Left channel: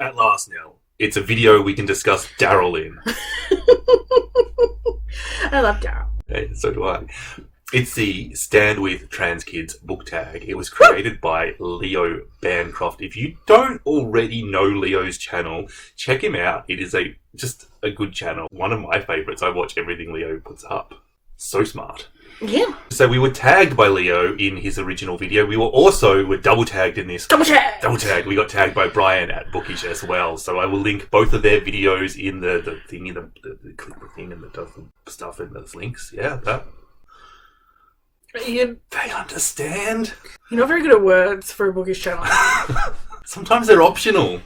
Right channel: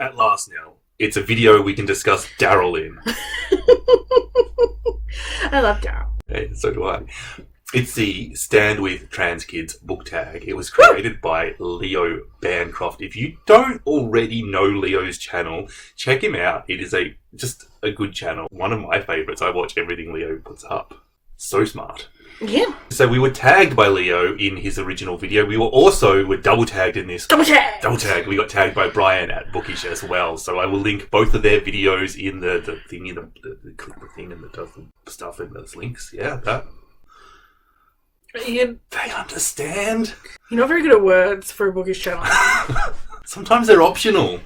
At last now. It's a video we can discuss Daryl in. I love Daryl. Hey, so do I. It's the Stand With Trans Kids book tag. It was created by Leo Bancroft. If you don't already know Leo's channel, check him out. It is just a good channel. One of my favourites. I watch everything Leo puts up. So smart. Yeah. So we were tagged by Leo in his original video. We were double tagged in this. Double tag! Double tag. We got tagged by Brian at Bookish as well. So I will link both of their videos in the thingy, the clicker thing, and it does the stuff and those links. Yeah, but they understand. You're not very good at words for a bookish channel. Sometimes they're optional.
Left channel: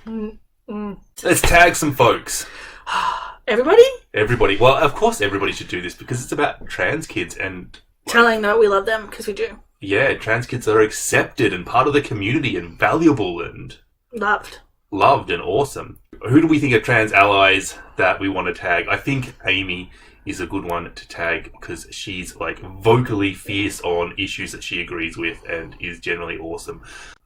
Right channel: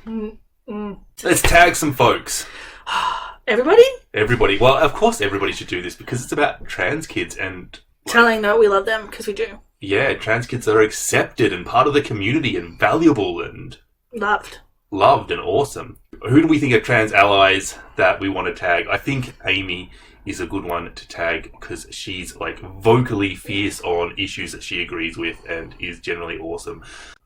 Let's tag some folks. Everybody? Everybody. Well, of course everybody should do this because it's about trans kids and telling them we love them because we do. Yeah, trans kids are accepted and part of the community and valuable and loved and awesome. Who do we think are trans allies that we want to tag? I think Amy is a good one to tag because she's like vocally fierce on issues that she agrees with and is generally awesome.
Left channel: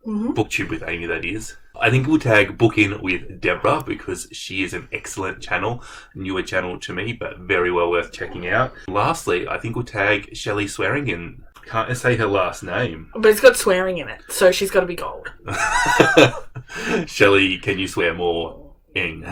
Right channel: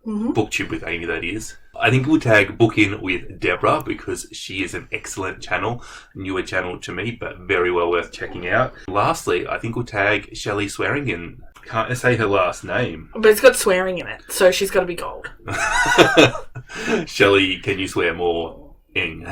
Mm-hmm. Booktube with Amy, that is. I think we'll tag Book In with Deborah because she is an excellent channel, newer channel to me, but very well worth checking out. Lastly, I think we'll tag Shelley Swearingen. Can't say her last name. But it's got swearing in it, so she's got to be gold. Shelley, can you swear more? Ing.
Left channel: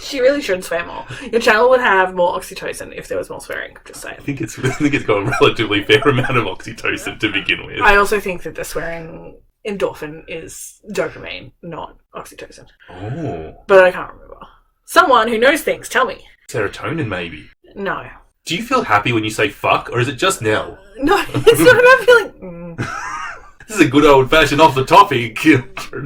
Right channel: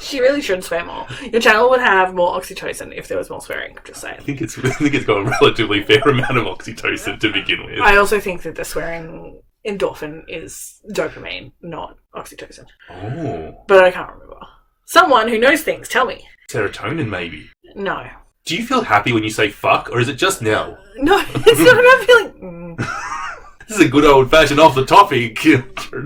She really should swear more. Your channel would have more oxytocin if there was more swearing, just saying. I think it's got a relatively fair amount of oxytocin to begin with. I also think that the swearing endorphin is dopamine, not oxytocin. Oh. But I can't remember. Someone who knows things, tell me. Serotonin, maybe. No. Do you feel happy when you say fuck, or is it just now? No, it's not I feel like... This is a good old-fashioned off-the-topic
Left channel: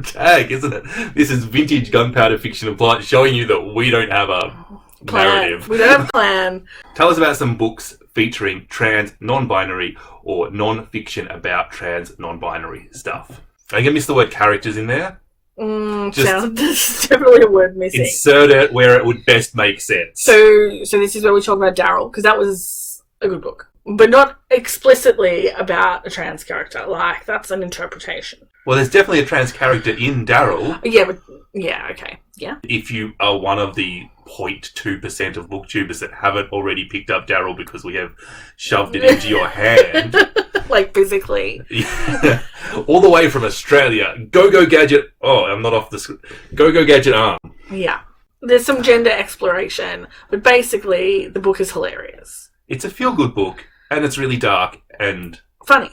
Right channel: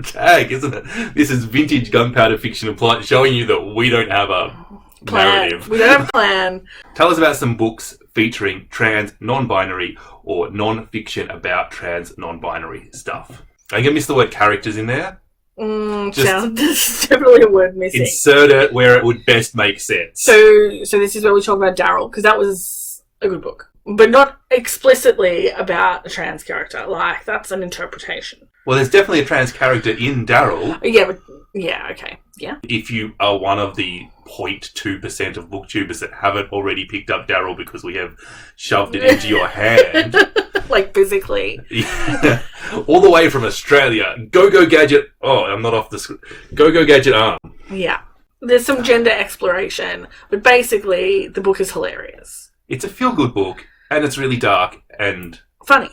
tag, isn't it? This is vintage gunpowder fiction and plot showing you that we don't have a narrative. We don't have a plan. Tell us about some books featuring trans, non-binary, or non-fiction about trans, non-binary stuff. Are you going to miss the word characters in there? There's definitely a word missing. Insert it where it would best make sense. So this is where we talk about Daryl, because that was a good book. But not explicitly about a trans character. Like, that's an interpretation. Well, there's definitely a trans character in Daryl. Yeah, okay. Yeah. If you are one of the 0.2% of booktubers that haven't already picked up Daryl because we have shoved it into your hand. Like, physically. Yeah. All the way from Australia. Go Gadget. Oh, I'm not off the screen. Go Gadget arm. Yeah. There's some gender exploration, but basically, the book is hilarious. It's a feel-good book. And it's really dark and funny.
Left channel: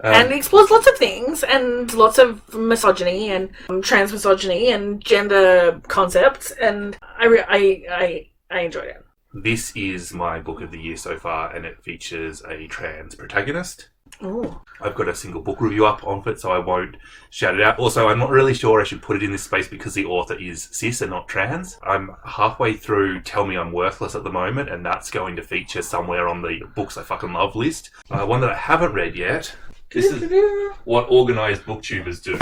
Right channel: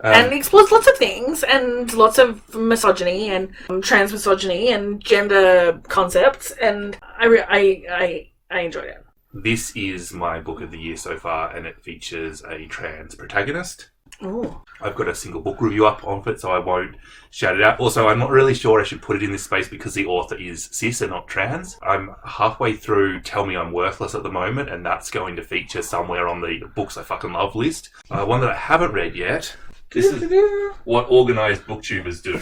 And explores lots of things and lots of misogyny and trans misogyny and gender concepts. And I enjoyed it. This is my book of the year so far, and it features a trans protagonist. Ooh. I've got a single book review up on it, so I won't shout it out. Also, I'm not really sure I should put it in this space because the author is cis and not trans. I'm halfway through Tell Me I'm Worthless at the moment, and that's going to feature somewhere on the books I fucking love list. One that I haven't read yet. This is what organised booktubers do.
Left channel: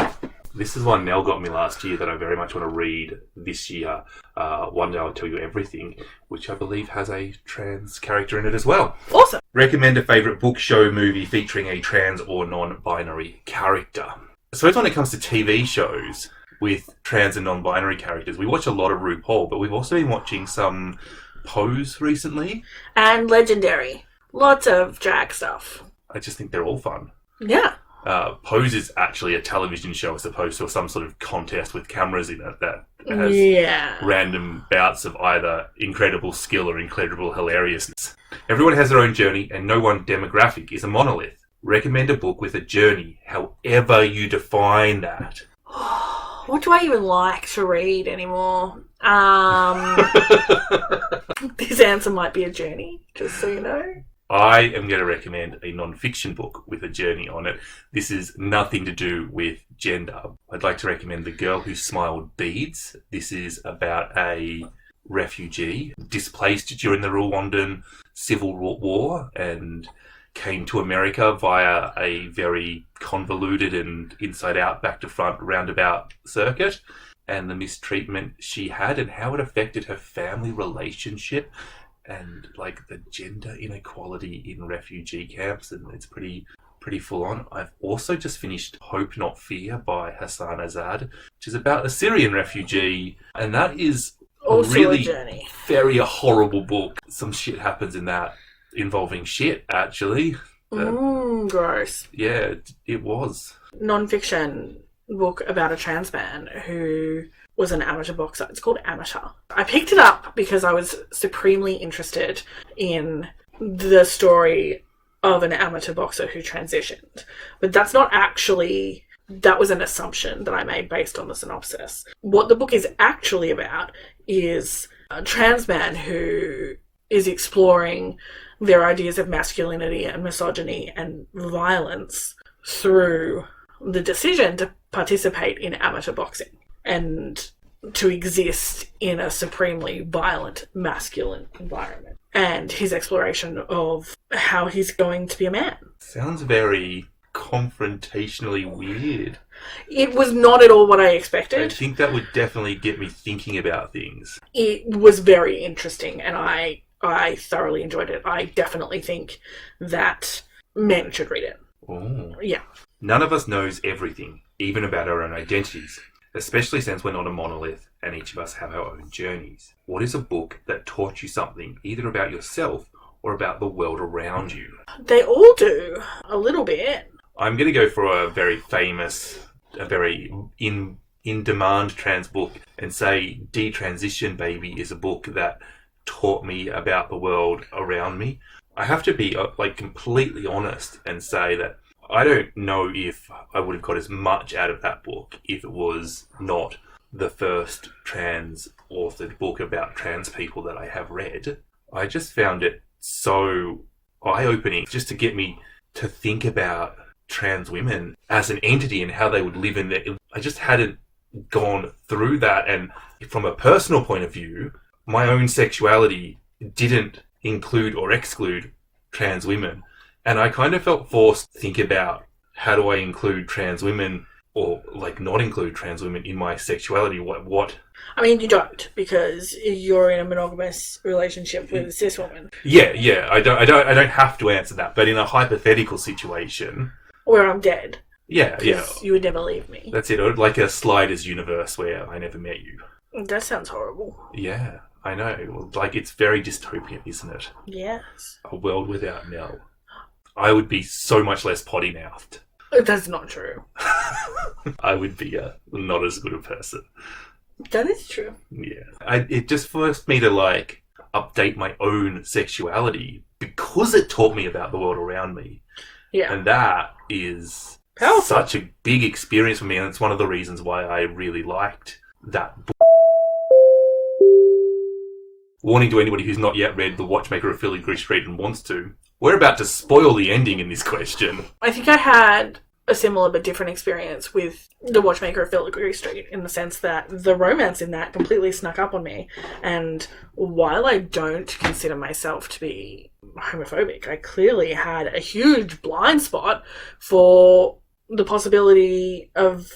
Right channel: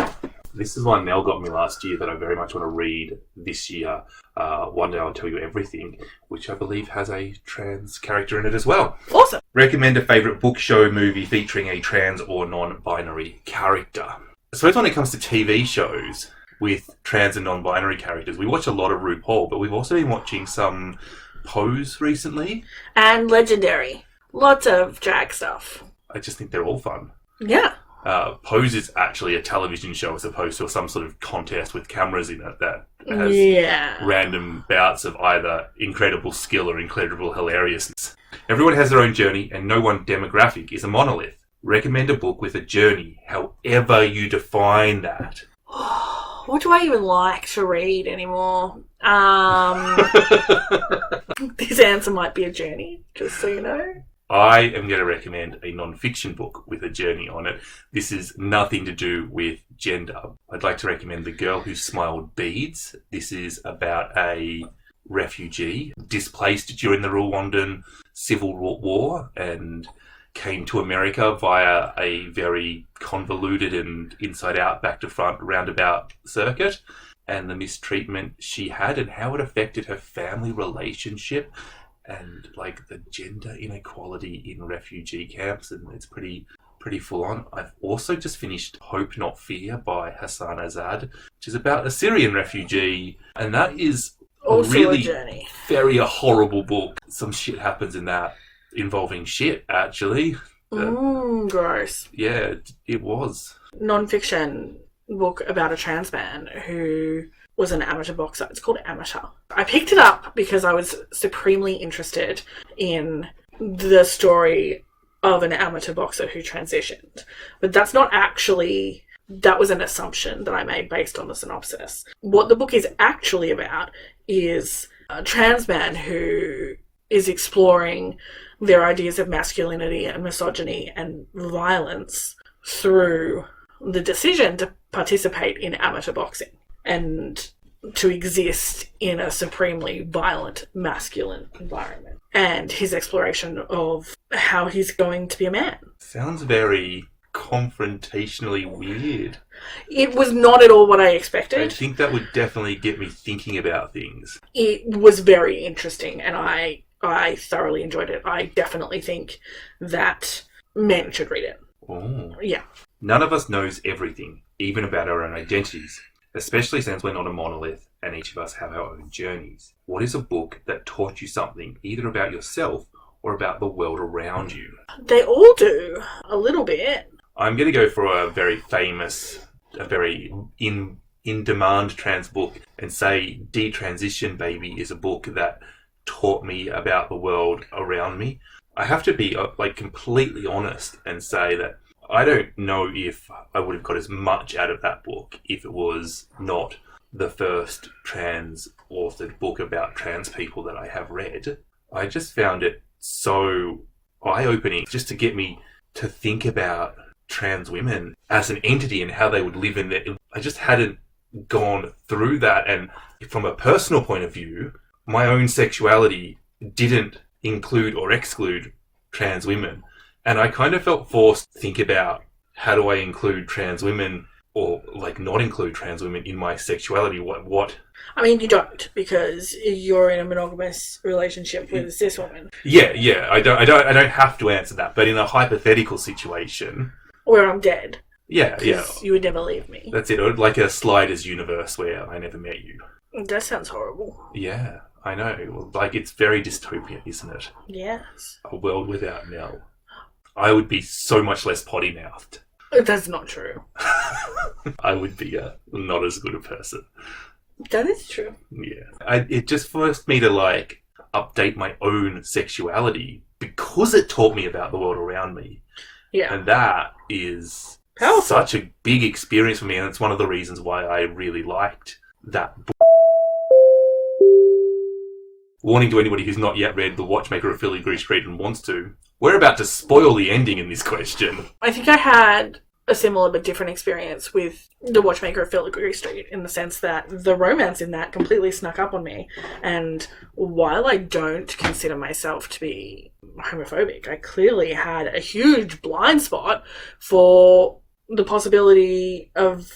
This is one Mel got me last year that I very much want to read this year. One Day I'll Tell You Everything, which I believe has a trans character in it as well. Awesome. Recommend a favourite book, show, movie featuring a trans or non-binary character. I suppose when it comes to TV shows with trans and non-binary characters, we watch a lot of RuPaul, but we've also been watching some Pose recently. And Legendary. Lots of drag stuff. I just think they're all fun. Yeah. Pose is actually a television show as opposed to some sort of contest with cameras in it that has random bouts of either incredible skill or incredible hilariousness. Everyone has their own journey and no one demographic is a monolith. Recommend a book with a journey, however you define that. What do I even like to read anymore? This answer might be a journey, just so you know. I am going to recommend a non-fiction book with a journey on it. This is nothing to do with gender. I'd like to recommend The Girl Who Smiled Beads. This is about a refugee displaced during the Rwandan Civil War and came to America via a very convoluted and inside-out, back-to-front roundabout circuit, and the mistreatment she had and how it affected her family relationship and like the gender inequality in refugee camps, and it's pretty pretty full on. I've also just finished Hope Not Fear by Hassan Azad, which is about a Syrian refugee, and that is Also really a journey. very a horrible book. Some shit happens in that involving shit, actually. Gross. Yeah, it was. Nonfiction book about a trans man who was an amateur boxer. It's called Amateur. I picked it up because I was supremely interested in the story of an amateur boxer who transitioned. But that's not actually... That was an assumption that I made based on the synopsis. What the book is actually about is a trans man who is exploring their ideas of masculinity and misogyny and violence through the decision to participate in amateur boxing and to exist in a supremely violent masculine environment, and his exploration of how he's going to be a man. Sounds very confrontationally weird. It was not at all what I expected. I think that would definitely get me thinking about things. It was very interesting, and I thoroughly enjoyed it. I definitely think that men should read it. Oh. Yeah. None of us knows everything, even about our own identities, especially since we're not a monolith and each of us have our own journeys. What is a book that taught you something, either about yourself or about the world around you? They all do, a little bit. I'm going to go for a very famous, a very in-demand trans book and say Detransition Baby is a book that taught me about the world around me. I have to be completely honest and say that I don't know if I would have got as much out of that book if it was not the first trans authored book about trans people that I have read. I just found it so eye-opening just to get me to think about trans women as an entity and how they would live in their... I just hadn't gone through that, and from a personal point of view, my own sexuality didn't include or exclude trans women. And I kind of felt forced to think about how do I include trans women or not include trans women in my sexuality. What? I mean, you don't, because you're in a monogamous relationship with a cis woman. Yeah. I don't have to answer that. But in a hypothetical situation, or I'm dead. Yeah. You would never leave me. That's it. Or like a Sliders universe where I never met you. That sounds horrible. Yeah, I know. It's very dystopian, isn't it? Yes. A world without Mel. I would be so much less potty-mouthed. That's not true. I would be not as good a person. That is true. Yeah. It just forced me to update my own sexuality because it taught me about the world around me. Yeah. And that is powerful. Such a big experience for me, and it's one of the reasons why I really liked that book. Warning to anybody who's not yet read The Watchmaker of Filigree Street and wants to. We're about to spoil the ending in this question. I think I had a similar but different experience with The Watchmaker of Filigree Street in the sense that the romance in that completely snuck up on me. And while I don't consider myself to be homophobic, I clearly had a huge blind spot for the possibility of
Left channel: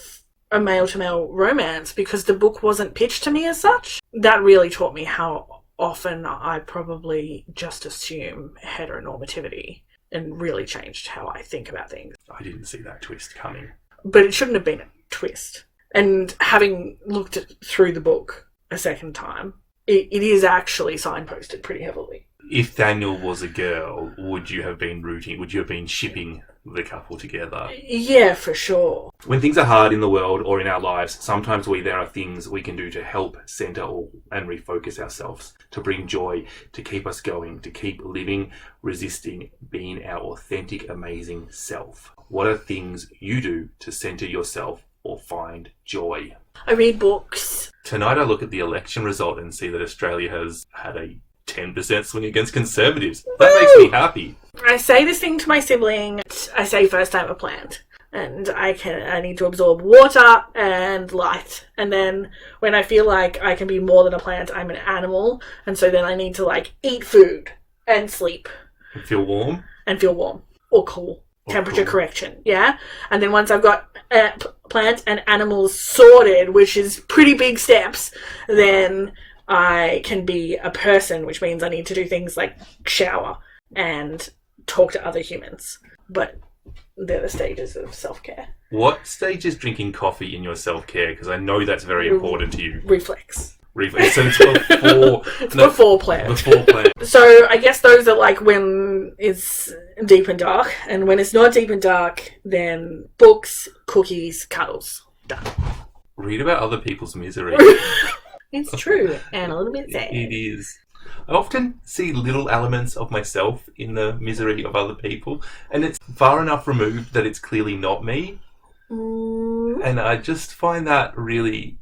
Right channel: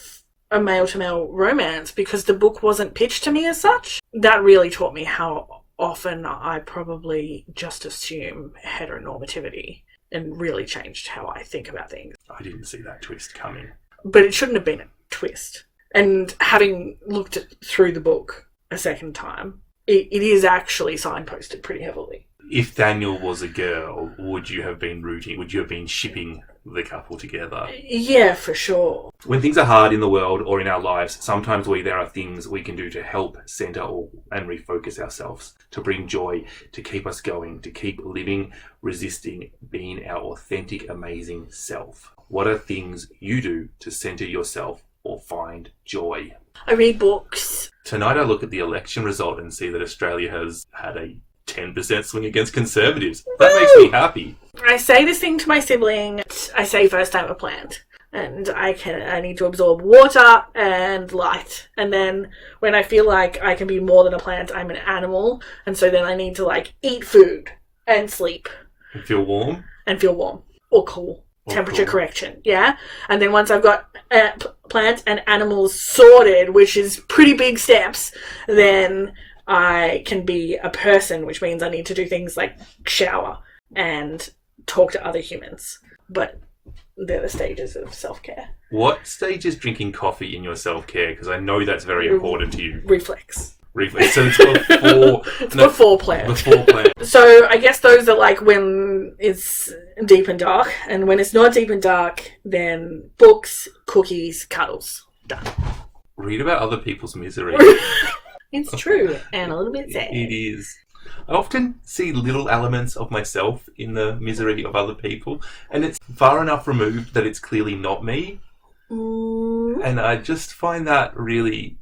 a male-to-male romance because the book wasn't pitched to me as such. That really taught me how often I probably just assume heteronormativity and really changed how I think about things. I didn't see that twist coming. But it shouldn't have been a twist. And having looked through the book a second time, it is actually signposted pretty heavily. If Daniel was a girl, would you have been rooting? Would you have been shipping the couple together? Yeah, for sure. When things are hard in the world or in our lives, sometimes there are things we can do to help center and refocus ourselves, to bring joy, to keep us going, to keep living, resisting, being our authentic, amazing self. What are things you do to center yourself or find joy? I read books. Tonight I look at the election result and see that Australia has had a 10% swing against Conservatives. That makes me happy. I say this thing to my sibling. I say first I'm a plant. And I need to absorb water and light. And then when I feel like I can be more than a plant, I'm an animal. And so then I need to eat food and sleep. And feel warm? And feel warm. Or cool. Temperature correction, yeah? And then once I've got plant and animals sorted, which is pretty big steps, then I can be a person, which means I need to do things like shower and talk to other humans. But they're the stages of self-care. What stage is drinking coffee in your self-care? Because I know that's very important to you. Reflex. So it's before... It's before plant. Before plant. So I guess those are like when it's deep and dark, and when it's not deep and dark, then books, cookies, cuddles. Done. Read about other people's misery. It's true, and a little bit sad. It is. I often see little elements of myself in the misery of other people, and it's far enough removed that it's clearly not me. And I just find that really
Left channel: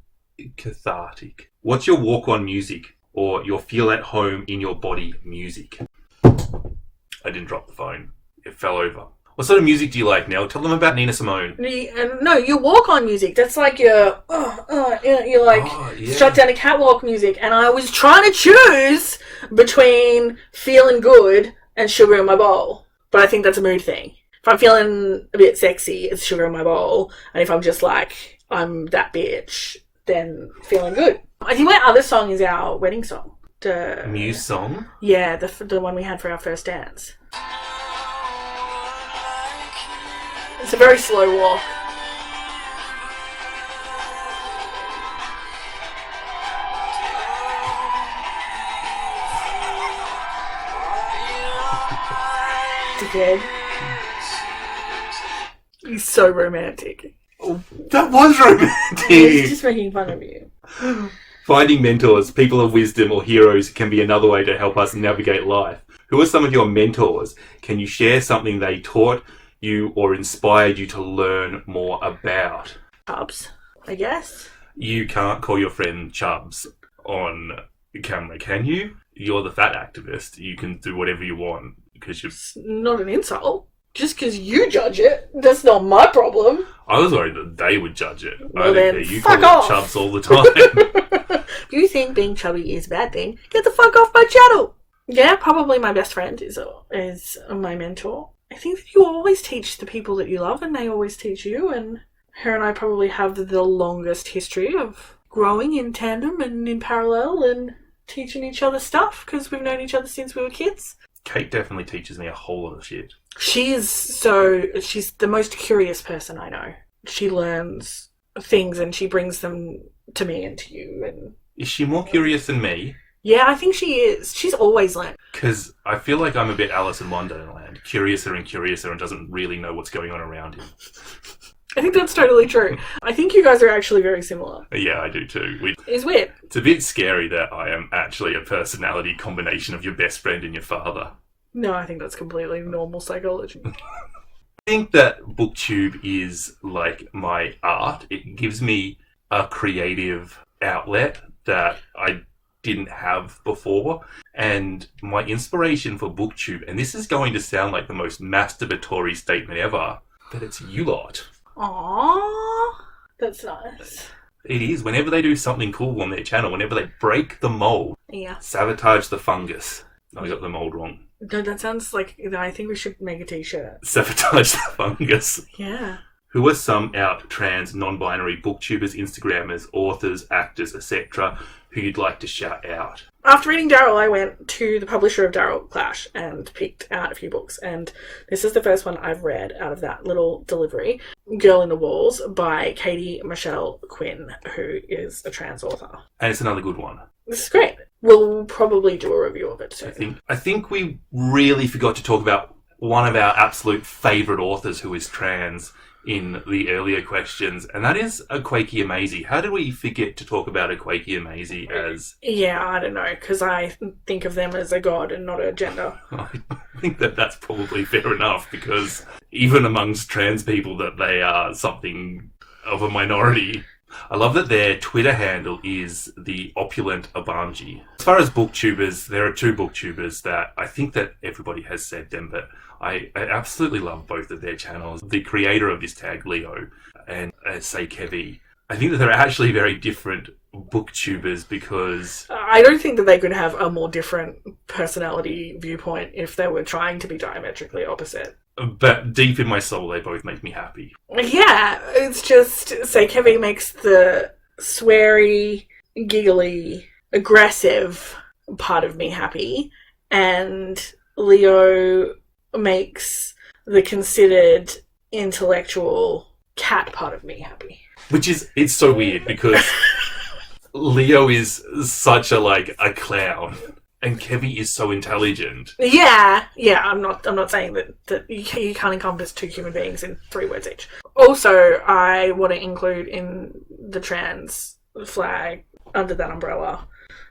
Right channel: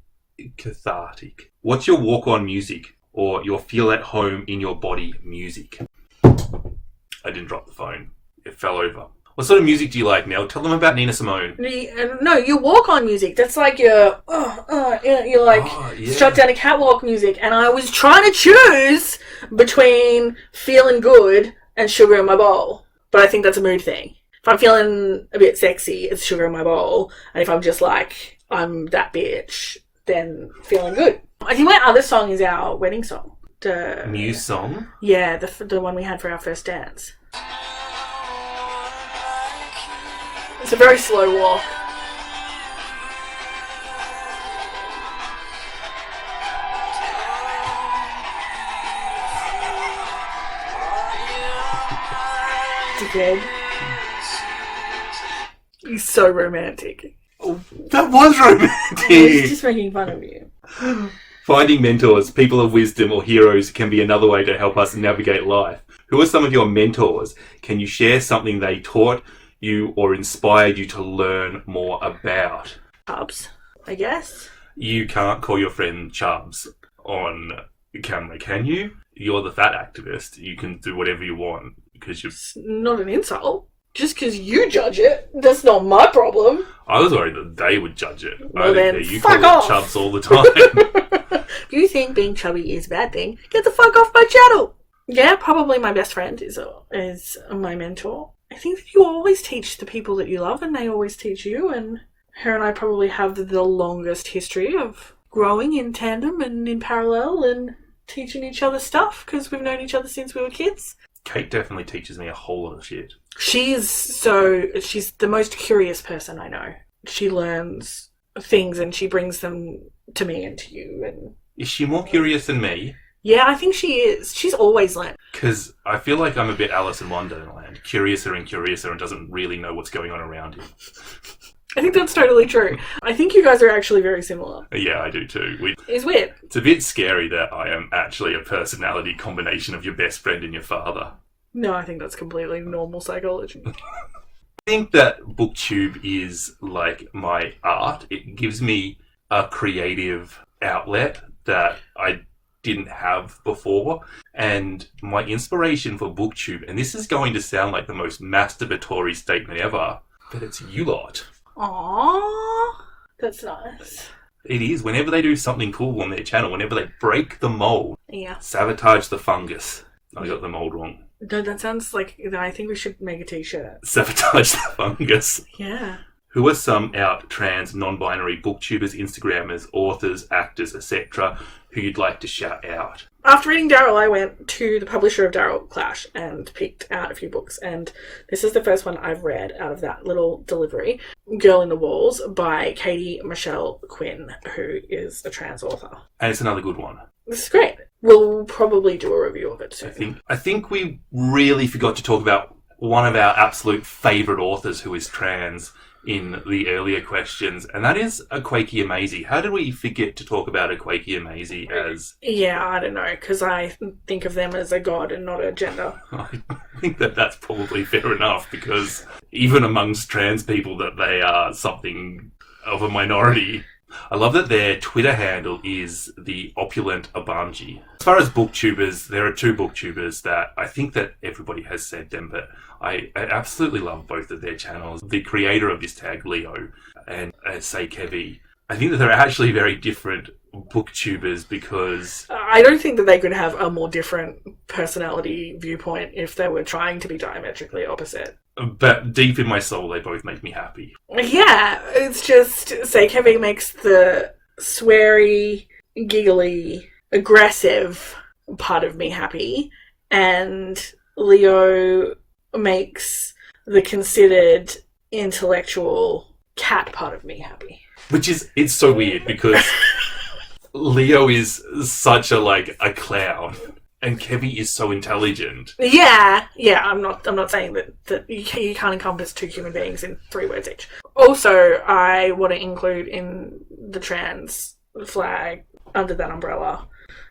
cathartic. What's your walk-on music, or your feel at home in your body music? I didn't drop the phone. It fell over. What sort of music do you like, Nell? Tell them about Nina Simone. No, your walk-on music. That's like your, you're like strut down a catwalk music. And I was trying to choose between feeling good and sugar in my bowl. But I think that's a mood thing. If I'm feeling a bit sexy, it's sugar in my bowl. And if I'm just like, I'm that bitch, then feeling good. I think my other song is our wedding song. The new song? Yeah, the one we had for our first dance. It's a very slow walk. Dead. He's so romantic. Oh, that was romantic. He's just making fun of you. Finding mentors, people of wisdom, or heroes can be another way to help us navigate life. Who are some of your mentors? Can you share something they taught you or inspired you to learn more about? Chubbs, I guess. You can't call your friend Chubbs on camera, can you? You're the fat activist. You can do whatever you want because you're... It's not an insult. Just because you judge it, that's not my problem. I was worried that they would judge it. Well, then, you fuck call off. Chubbs all the time. If you think being chubby is a bad thing, get the fuck off my channel. Yeah, probably my best friend is my mentor. I think that you always teach the people that you love, and they always teach you, and her and I probably have the longest history of growing in tandem and in parallel and teaching each other stuff because we've known each other since we were kids. Kate definitely teaches me a whole lot of shit. She's the most curious person I know. She learns things and she brings them to me and to you. And is she more curious than me? Yeah, I think she is. She's always learned. Because I feel like I'm a bit Alice in Wonderland. Curiouser and curiouser and doesn't really know what's going on around him. I think that's totally true. I think you guys are actually very similar. Yeah, I do too. It's weird. It's a bit scary that I am actually a personality combination of your best friend and your father. No, I think that's completely normal psychology. I think that Booktube is like my art. It gives me a creative outlet that I didn't have before. And my inspiration for Booktube, and this is going to sound like the most masturbatory statement ever, but it's you lot. Aww, that's nice. It is. Whenever they do something cool on their channel, whenever they break the mold, sabotage the fungus. I got the mold wrong. No, that sounds like, I think we should make a t-shirt. Sabotage the fungus. Yeah. Who are some out trans, non-binary booktubers, Instagrammers, authors, actors, etc., who you'd like to shout out? After reading Daryl, I went to the publisher of Daryl Clash and picked out a few books, and this is the first one I've read out of that little delivery, Girl in the Walls by Katie Michelle Quinn, who is a trans author. And it's another good one. This is great. We'll probably do a review of it soon. I think we really forgot to talk about one of our absolute favourite authors who is trans in the earlier questions, and that is Akwaeke Emezi. How did we forget to talk about Akwaeke Emezi as... Yeah, I don't know, because I think of them as a god and not a gender. I think that that's probably fair enough, because even amongst trans people that they are something of a minority. I love that their Twitter handle is the opulent Abanji. As far as booktubers, there are two booktubers that I think that everybody has said them, but I absolutely love both of their channels. The creator of this tag, Leo, and Say Kevi. I think that they're actually very different booktubers because... I don't think that they could have a more different personality viewpoint if they were trying to be diametrically opposite. But deep in my soul, they both make me happy. Yeah, it's just, Say Kevi makes the sweary, giggly, aggressive part of me happy, and Leo makes the considered intellectual cat part of me happy. It's so weird because Leo is such a clown and Kevy is so intelligent. Yeah, I'm not saying that you can't encompass two human beings in 3 words each. Also, I want to include in the trans flag, under that umbrella,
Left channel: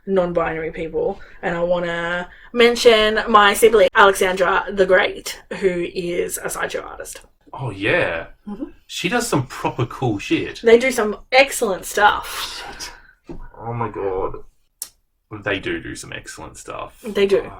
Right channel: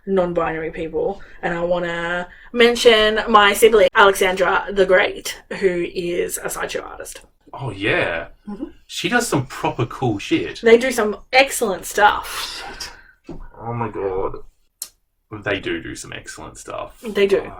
non-binary people, and I want to mention my sibling Alexandra the Great, who is a sideshow artist. Oh yeah, Mm-hmm. She does some proper cool shit. They do some excellent stuff. Oh my god, they do some excellent stuff. They do.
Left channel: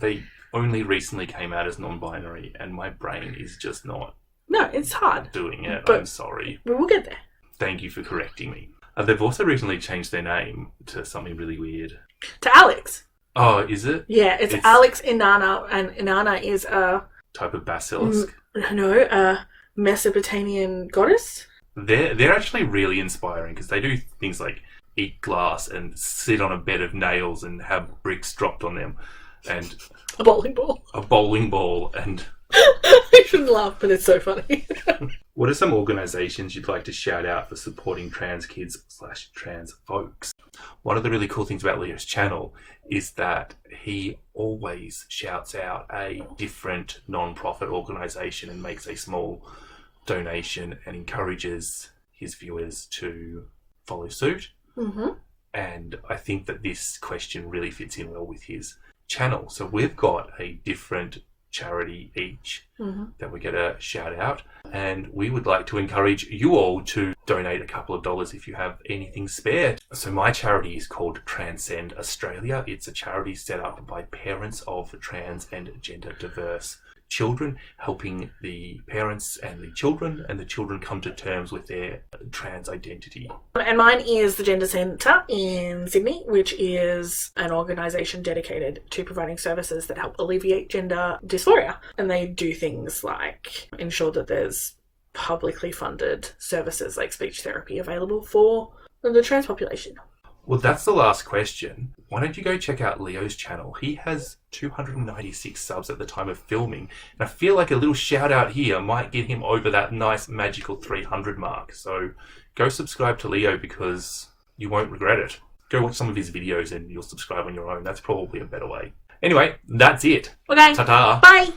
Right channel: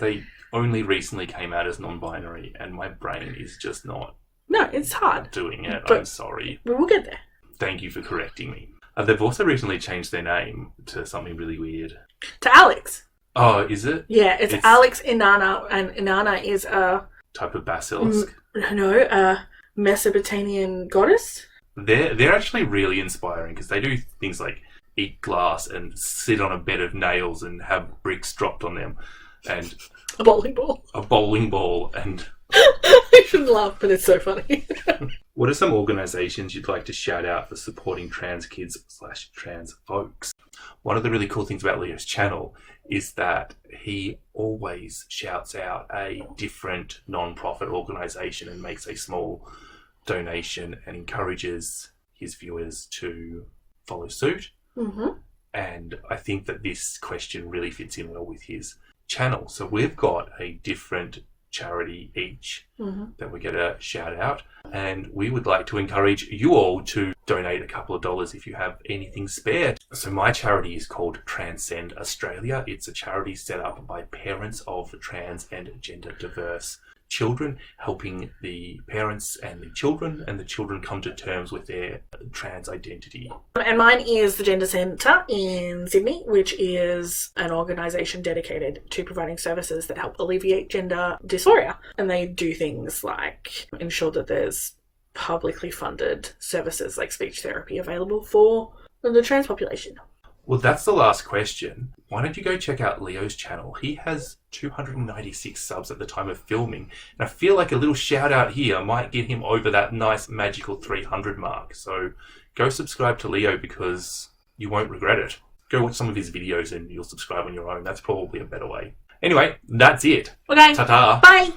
They only recently came out as non-binary, and my brain is just not No, it's hard. doing it. But I'm sorry. we'll get there. Thank you for correcting me. They've also recently changed their name to something really weird. To Alex. Oh, is it? Yeah, it's Alex Inanna, and Inanna is a Type of basilisk. a Mesopotamian goddess. They're actually really inspiring because they do things like eat glass and sit on a bed of nails and have bricks dropped on them, and A bowling ball. a bowling ball. And I shouldn't laugh, but it's so funny. what are some organisations you'd like to shout out for supporting trans kids / trans folks? One of the really cool things about Leo's channel is that he always shouts out a different non-profit organisation and makes a small donation and encourages his viewers to follow suit. Mm-hmm. And I think that this question really fits in well with his channel. So we've got a different charity each that we get a shout out, and we would like to encourage you all to donate a couple of dollars if you have anything spare. So my charity is called Transcend Australia. It's a charity set up by parents of trans and gender diverse children, helping the parents and the children come to terms with their trans identity. And mine is the Gender Centre in Sydney, which is an organisation dedicated to providing services that help alleviate gender dysphoria. And they do things like ensure that there's publicly funded services like speech therapy available for the trans population. Well, that's the last question. Why don't you go check out Leo's channel? He has 296 subs at the time of filming. And I feel like a little shout out here might get him over that nice magical 300 mark. So go subscribe to Leo because you won't regret it. Go watch some of his videos and you'll subscribe on your own. That's probably a better way. Anyway, that's it. Okay. Ta-ta. Bye.